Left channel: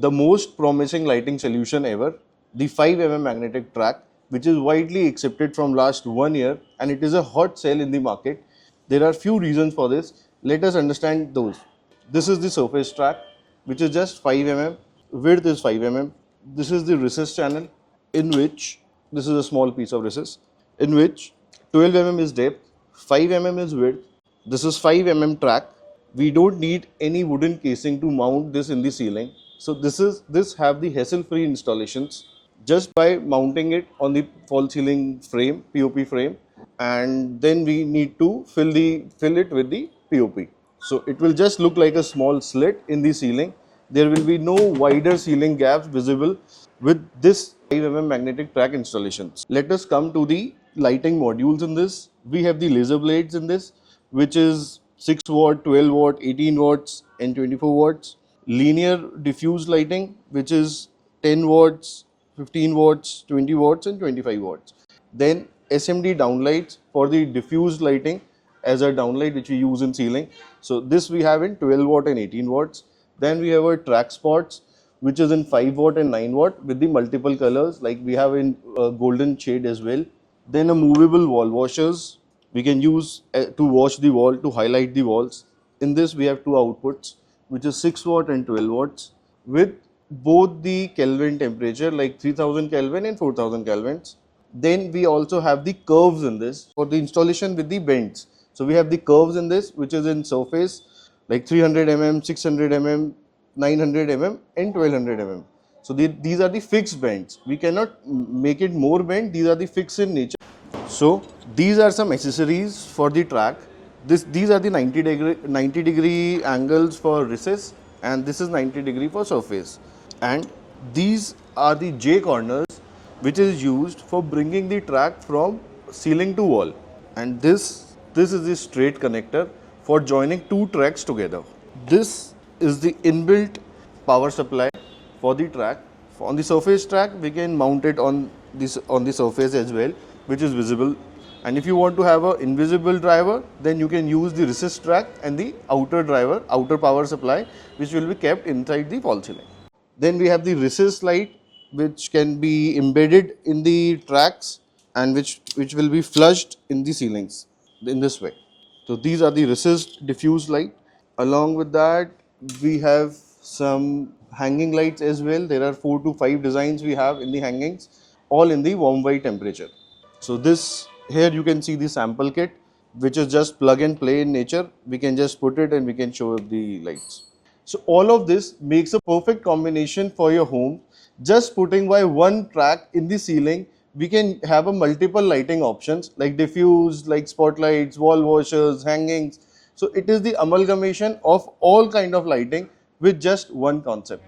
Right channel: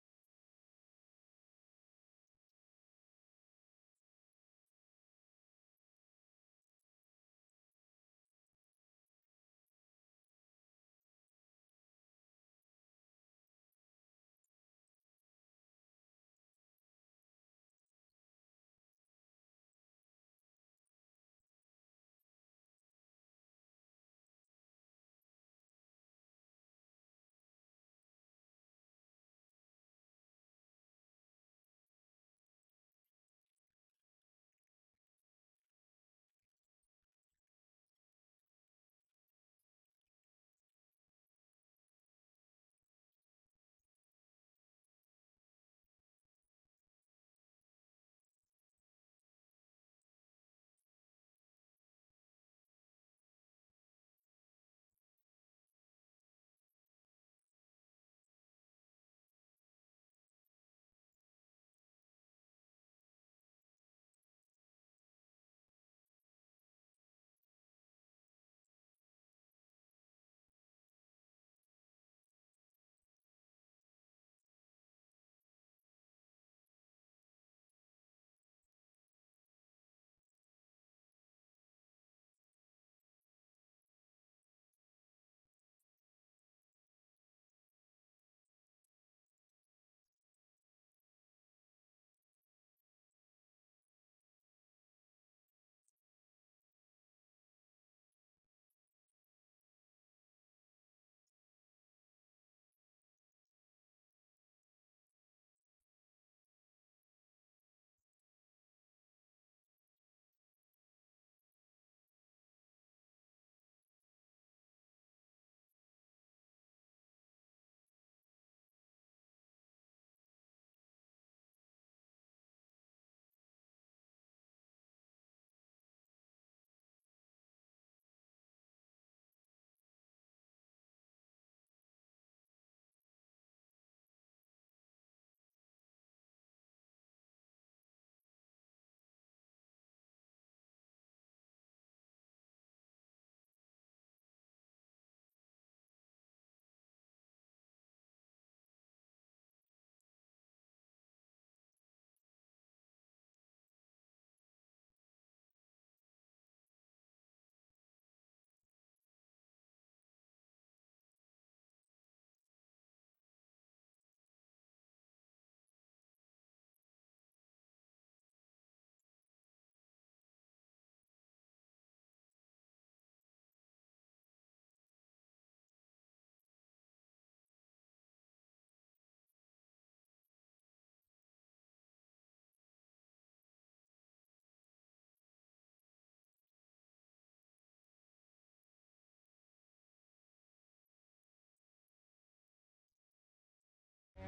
the most promising lighting solution ever, the 5 mm magnetic track, which is widely accepted from last 1 year and it is a hot sell in the market. There are few reasons for this. Let us understand those. This is the surface track, which is just 5 mm, width is 5 mm. This is the recess channel, in which this is a small piece of recess, in which 12 mm is depth, 5 mm is width. This is 5 mm track. We don't need any wooden casing to mount this in the ceiling. So this have the hassle-free installations just by mounting it on the false ceiling frame, POP frame, and then we need to fill it with the POP. So it will just look like a small slit in the ceiling. There will be no wider ceiling gaps visible with this 5 mm magnetic track installations. Let us come to the lighting modules in this. We have the laser blades in this, which is 6 watt, 12 watt, 18 watts and 24 watts. Linear diffuse lighting, which is 10 watts, 15 watts, 20 watts and 25 watts. Then SMD downlights for the diffuse lighting as a downlight which we use in ceiling. So this we have in 12 watt and 18 watts. Then we have our track spots, which is in 5 watt and 9 watt with the multiple colors, like we have in golden shade as well. Then a movable wall washers we can use to wash the wall, to highlight the walls. In this we have two outputs, which is 6 watt and 12 watts with both the Kelvin temperature, like 3000 Kelvin and 4000 Kelvins. Then we also have the curves in this for the installation with the bends. So we have the curves in this, which is in surface like 300 mm, 600 mm, 900 mm and 1200 mm. So these are the fixed bends. We cannot make it more bend. These are the fixed in nature. So these are some accessories for the track. These are the 90 degree angles for recess, and this is 90 degree for surface. And these are the J corners, which is used for bringing the track from ceiling to wall. And this is the straight connector for joining two tracks together. This is the inbuilt power supply for the track. On the surface track, we can mount it on the surface as well, which is visible. And if you want to have an invisible driver, then you can use the recess track and the outer driver, outer power supply, which will be kept inside the false ceiling. Then we have the recess light, which can be embedded in the tracks and which will be flushed in the ceilings in this way. So these are the recessed diffuse light. Along with that, we have some hanging lights as well. There are 4 to 5 designs we have in the hangings, all in the warm white temperature. So this here you can see the sample kit, which is just plug and play in nature. We can just put it and we can show the lights. So all of this makes a perfect combination for your home. Just putting by one track in the ceiling, we can have a multiple lighting options like diffuse, like spotlights, wall washers, hangings. So it is the amalgamation of all kind of lighting with just one concept.